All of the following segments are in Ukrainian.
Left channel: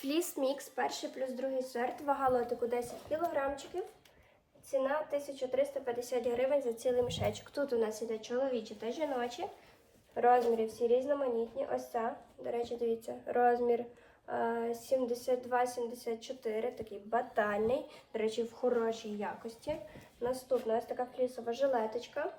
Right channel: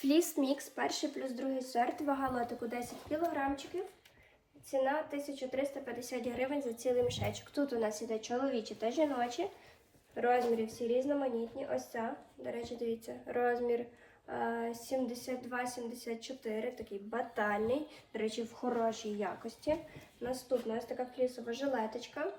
Фліс мікс, перший плюс другий сорт, вага лотику 10 кілограмчиків. Ціна 1350 гривень за цілий мішечок. Тут у нас іде чоловічі та жіночі. Розміри всі різноманітні. Ось ця, до речі, дивіться, розмір е, 72-74, такий батальний, до речі, в хорошій якості. Наступна ось така флісова жилеточка.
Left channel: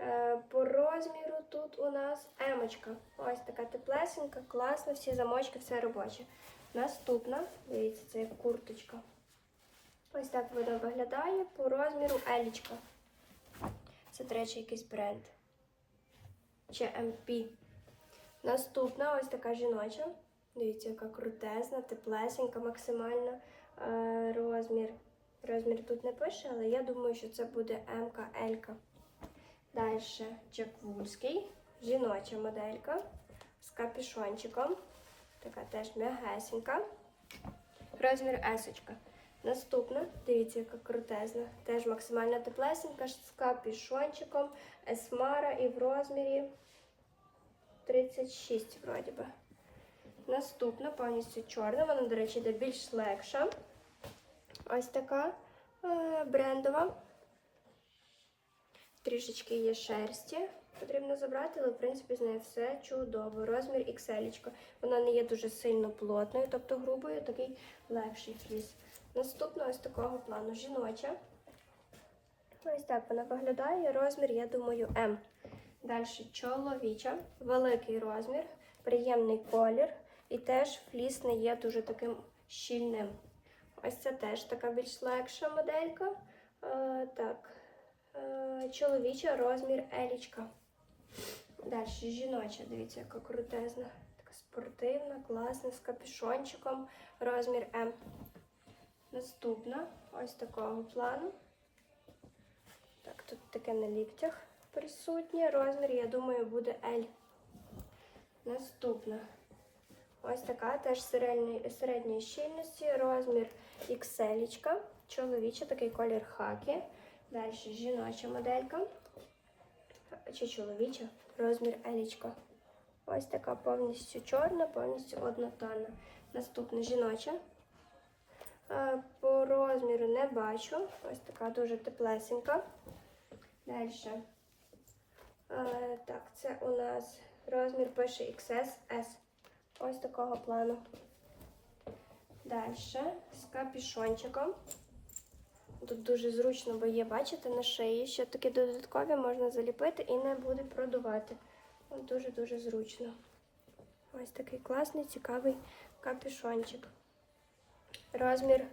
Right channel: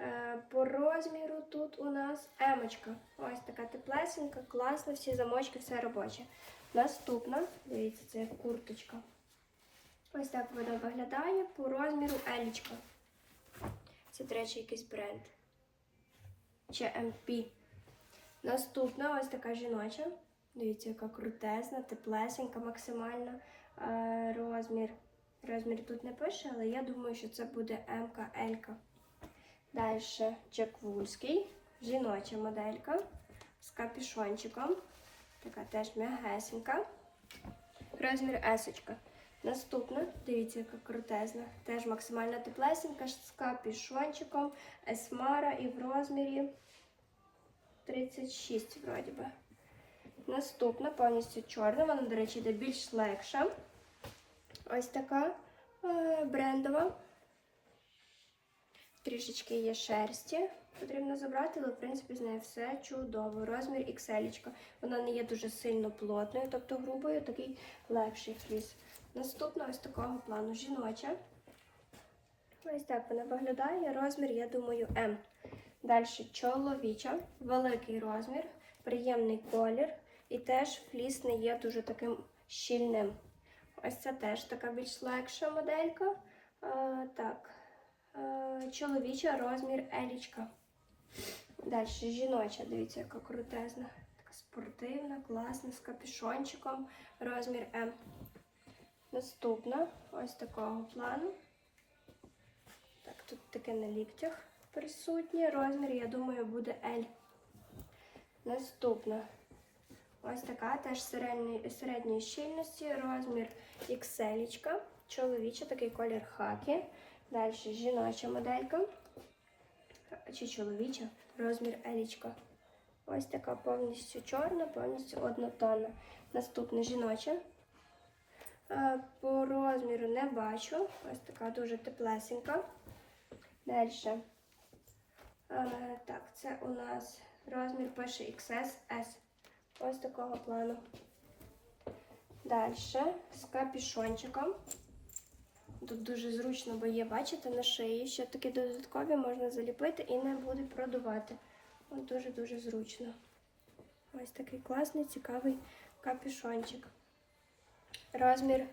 Е, По розміру тут у нас емочка. Ось така теплесенька, класна, всі замочки, все робоче. Наступна, дивіться, це як курточка. Ось так вона виглядає по розміру елічка. Це, до речі, якийсь бренд. Чи МП. Наступна ось така жіноча. Дивіться, яка крутезна, теплесенька, максимально е, розмір. Розмір тут не пише, але я думаю, що це буде МК Елька. Далі Джек Вульський, жіноча моделька з капюшончиком. Така теж м'ягесенька. Розмір есочка. Наступна, дивіться, яка крутезна. Теж максимально теплесенька з капюшончиком, есмара і в розмірі 36, вроді би. Наступна повністю чорна, вона, до речі, йде більш легша. Ось така е, брендова. Трішечки є шерсті. Потрібно забрати, але в принципі з нею все чудово. Розмір XL. Вона не є дуже сильно плотною, тобто грубою, такий легший фліс. Наступна ось такого плану жіноча. Ось так вона виглядає. Розмір, я думаю, М. Далі чоловіча, великий розмір, приємний колір. І теж фліс не є дуже таким щільним. Ось це теж така більш легша моделька. Е, так, чоловіча розмір елічка. Далі жіноча, дивіться, яка крутезна. Така спортивна, класна, з капюшончиком, розмір М. Наступна, ось такого плану. Так, тут таке на ліктях присутнє. Розмір, я думаю, буде L. Наступна. Ось така теж середньої, середньої щільності, розмір XL. Чоловіча, такий колір хакі. Далі жіноча моделька. Чи чоловіча, розмір L. Ось така повністю чорна, повністю однотонна. Наступна жіноча. Е, По розміру не бачу. Ось така дуже теплесенька. Далі. Е, Так, це у нас розмір пише XS. S. Ось такого плану. Далі з капюшончиком. Тут дуже зручно, бо є, бачите, на шиї. Ще такі додаткові можна заліпити і не буде продувати. Дуже-дуже зручно. Ось такий класний, цікавий капюшончик. Розмір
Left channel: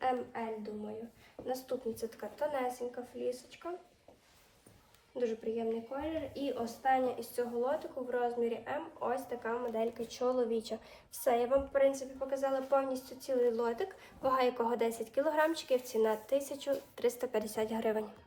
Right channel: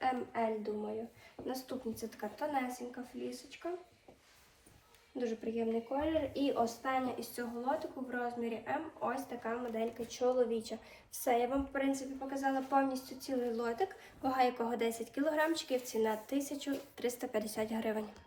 ML, думаю. Наступний це така тонесенька флісочка. Дуже приємний колір. І остання із цього лотику в розмірі М ось така моделька чоловіча. Все, я вам, в принципі, показала повністю цілий лотик, вага якого 10 кг, ціна 1350 гривень.